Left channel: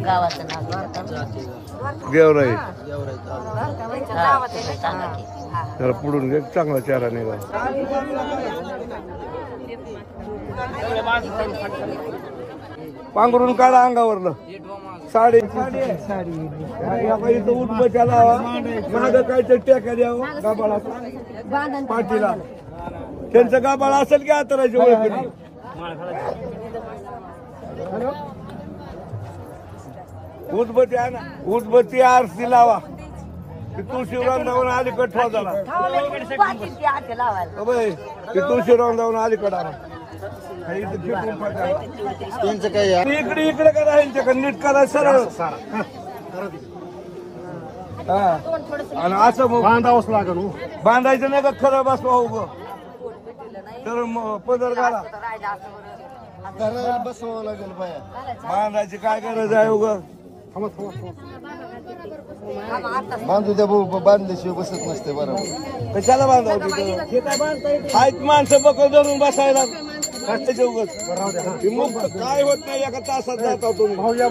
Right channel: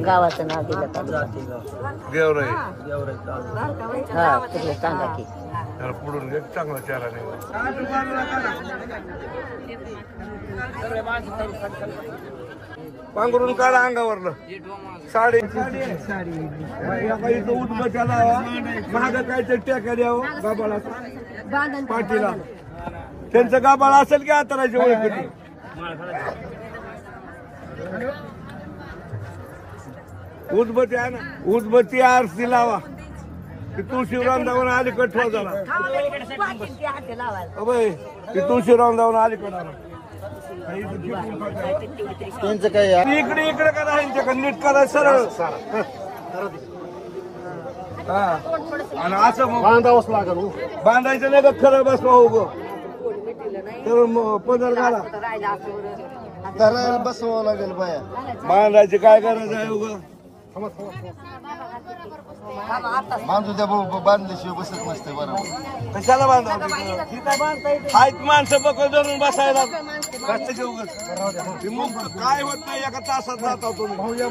गावाचं नाव गेवराई सांगा की तर पुढून घे चांगला चेहरा निघाला. पांघरून काढा अंगावरलं साडी इथं उठ बचाला माग काहीतरी टेक्या द्यावं गाबाळा पाठीला त्यांचं गाबाळ असेल की आतराची ओळख उदबत्ती आहे ना उदबत्ती आरती लावा की तुळशीराम जाऊन अलीकड ठेवा झाला तुळशीराम जाऊन अलीकड आला इकडे इकडे करा नीट करा सरळ आणि असं बांधावंच लागेल बांधायचं नाही का खरं बसवा उभं तर पदर घाला बसवावं लागेल बाया बांधायची काय गरज आहे उगं बांधू द्या बांधल्याशिवाय बसत नसते बरोबर कशाला बांधावं माणसं बघ धरून बसायला काय होत नाही एका तासात जाता तुम्ही भाऊया